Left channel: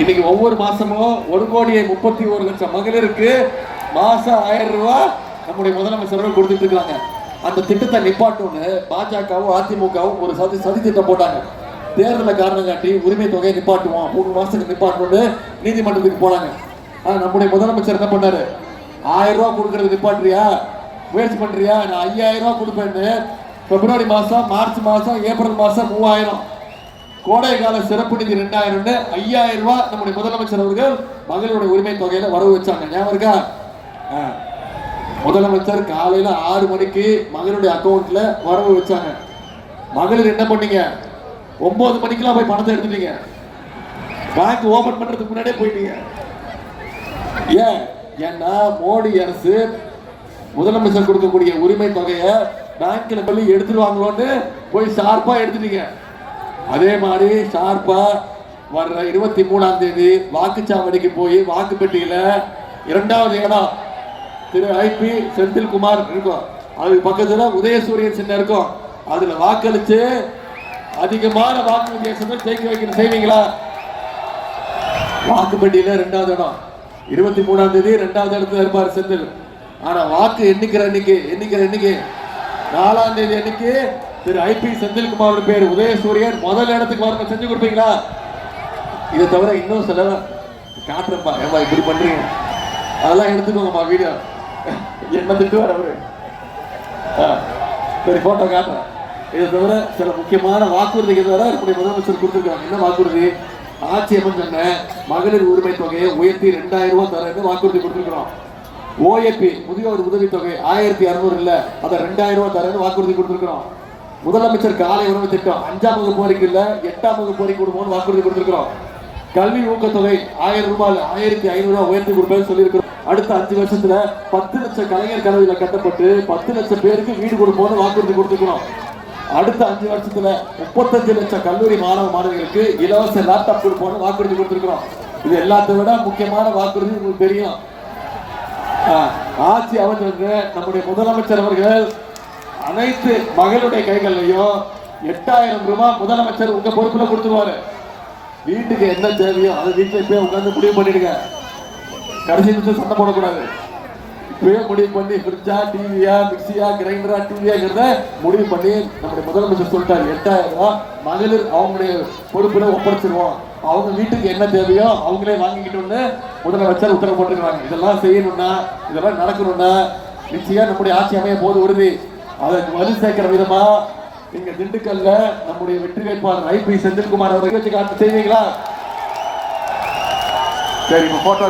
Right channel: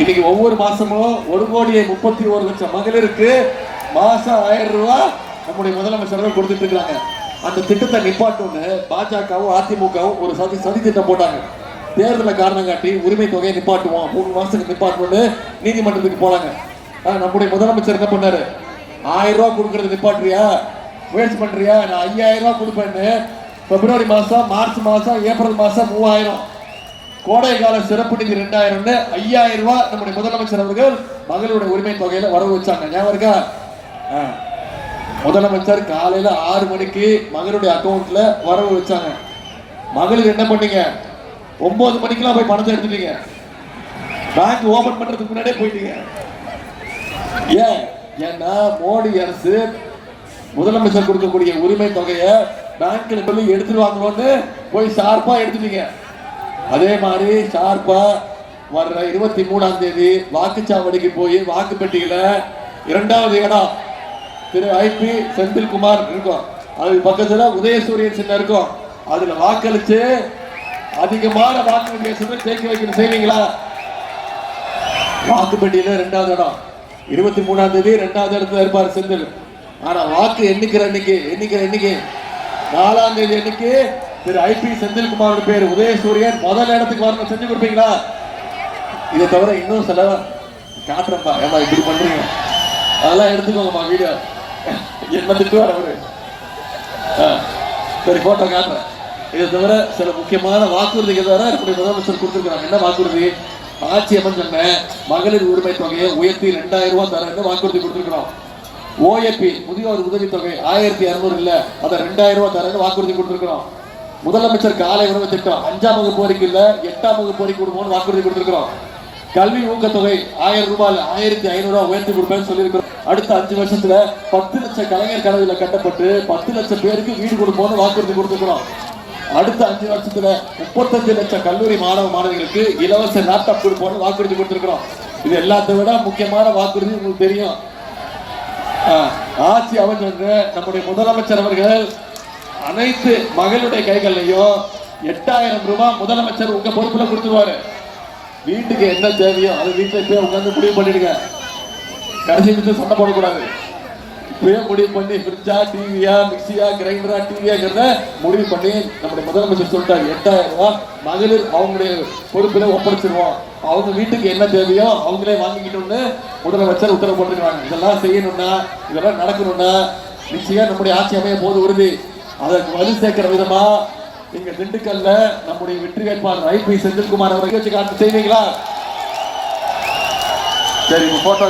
இன்னைக்கு ஒவ்வொரு மாசமும் 1,31,00,000 மகளிருக்கு மாசம் 1000 ரூபாய் நம்முடைய முதலமைச்சர்கள் கொடுத்துட்டு இருக்காங்க. அந்த திட்டத்தை நிப்பாட்டுன்னு பாஜகவும் அதிமுகவும் ஒரு சதி திட்டம் போட்டாங்க. தேர்தலை காரணம் காட்டி உரிமை தொகையை நிப்பாட்டுவோம், 3 மாசத்துக்கு நிப்பாட்டுவோம்னு நீதிமன்றத்துக்கு போனாங்க. நம்முடைய முதலமைச்சர் என்ன பண்ணாரு? 1000 ரூபாய் கொடுக்கறது நிப்பாட்டுறியா, முயற்சி பண்றியா, நான் 5000 ரூபாய் கொடுப்பேன்னு பிப்ரவரி மாசம், மார்ச் மாசம், ஏப்ரல் மாசம் 3000, கோடை கால சிறப்பு நிதி 2000, 5000 ரூபாய் நம்முடைய முதலமைச்சர் அவர்கள் மகளிருடைய உரிமை தொகையில வரவு வச்சாங்க. ஞாபகம் இருக்கா? முதலமைச்சர் காலையில 6 மணிக்கு மகளிருடைய அக்கௌண்ட்ல வரவு வச்சாங்க. மகளிர் என்ன பண்ணீங்க? 9 மணிக்கெல்லாம் போய் பணத்தை எடுத்துட்டீங்க. பேங்க் ஓபன் பண்றதுக்கு முன்னாடியே போயிட்டீங்க. ஏன்னா மோடி அரசு முதலமைச்சர் கொடுக்கக்கூடிய உரிமை தொகையை பேங்க்ல போய் எடுத்துருவாங்களோன்னு போய் ஷார்ப்பா எடுத்துட்டீங்க. அதே மாதிரி ஷார்ப்பா வர்ற 23ஆம் தேதி வாக்குச்சாவடிக்கு போய் வாக்குப்பெட்டியில 2வது இடம் திரு ஐபி செந்தில்குமார் இருக்கும், அதுக்கு பக்கத்துல உதயசூரியன் சின்னம் இருக்கும். அதுல வாக்களிச்சு அதிகமான வாக்கு வித்தியாசத்தை ஜெயிக்க வைக்கிற செய்வீங்களா? வாக்குப்பெட்டியில 2வது இடம், 23ஆம் தேதி 2வது இடத்துல இருப்பார் செந்தில். ஆனா வாக்கு எண்ணிக்கிற எண்ணிக்கை 4ஆம் தேதி எண்ணிக்கை திரு ஐபி செந்தில்குமார் பேர் உதயசூரியன் முதல் இடத்துக்கு வரணும். செஞ்சு கொடுப்பீங்களா? இதை தவிர இன்னும் சில காட்டுறப்பா, ஏமா இப்படி பண்றீங்க, அதெல்லாம் எடுத்துக்கோங்கம்மா வீடியோ, என்ன திட்டுவார் அவரு. சரி, போட்டோ காட்டுறேன். இதை தவிர சில முக்கியமான வாக்குறுதிகள் வேற முதலமைச்சர் கொடுத்துருக்காங்க. என்ன வாக்குறுதி? ஆட்சி அமைச்ச மகளிர் உரிமை தொகையை உயர்த்தி 2000 ரூபாய் தரேன்னு வாக்குறுதி கொடுத்துருக்கிறோம். ஓஏபி முதியோர் உதவித்தொகை 1200 இல்ல, அதை 2000 ரூபாய் தரேன்னு வாக்குறுதி கொடுத்துருக்கிறோம். முதலமைச்சர் காலை உணவு திட்டம் 5ஆம் வகுப்பு வரைக்கும் இல்ல, 8ஆம் வகுப்பு வரைக்கும் கொடுப்போம்னு வாக்குறுதி கொடுத்துருக்கிறோம். கல்வி ஊக்கத்தொகை 1000 ரூபாய் 1500 ரூபாய் உயர்த்தி கொடுப்பேன்னு சொல்லியிருக்கிறோம். அடுத்த 5 வருஷத்துல 10 லட்சம் கலைஞர் கனவுல கட்டப்பட்டு 10 லட்சம் பேருக்கு வீடு கொடுப்போம்னு வாக்குறுதி கொடுத்துக்கிறோம். அடுத்த 5 வருஷத்துல 35 லட்சம் கல்லூரி மாணவிகளுக்கு இலவச லேப்டாப் கொடுப்போம்னு வாக்குறுதி கொடுத்திருக்கிறோம். இது எல்லாத்தை விட முக்கியமான வாக்குறுதி உங்களுக்கு தெரியும். ஆட்சி அமைச்சர் நம்முடைய முதலமைச்சர் அவர்கள் அனைத்து மகளுடைய கைகள்லையும் 8000 ரூபாய் முதலமைச்சர் உங்க பொறுப்புல கொடுத்துருவாரு. வீட்டுக்கு என்ன தேவையோ அதை வீட்டுல போய் உட்காந்து முடிவு பண்ணிடுங்க. கடைசி நிமிஷம் சண்டை போடக்கூடாது. இப்பவே முடிவு பண்ணி ஃப்ரிட்ஜா, டிவியா, மிக்சியா, கிரைண்டரா, டிவியாங்கிறத முடிவு பண்ணி நம்முடைய முதலமைச்சர் சொல்லிட்டாரு 8000 ரூபாய் மகளிர் அவங்களுடைய பொறுப்புல ஒப்படைச்சிருவோம். அவங்க வீட்டுக்கு என்ன தேவையோ அவங்களே வாங்கிக்கிட்டோம்னு முதலமைச்சர் உத்தரவு போட்டுருக்காங்க. இதெல்லாம் செய்யணும்னா, இதெல்லாம் நடக்கணும்னா நிச்சயம் நம்முடைய ஆட்சி அமைய போது உறுதி. அதற்கு வலு சேர்க்கிற விதமா இங்க திண்டுக்கல்ல நம்முடைய வெற்றி வேட்பாளர் ஐபி செந்தில்குமார் அவர்கள் செய்வீங்களா? சரி, போட்டோ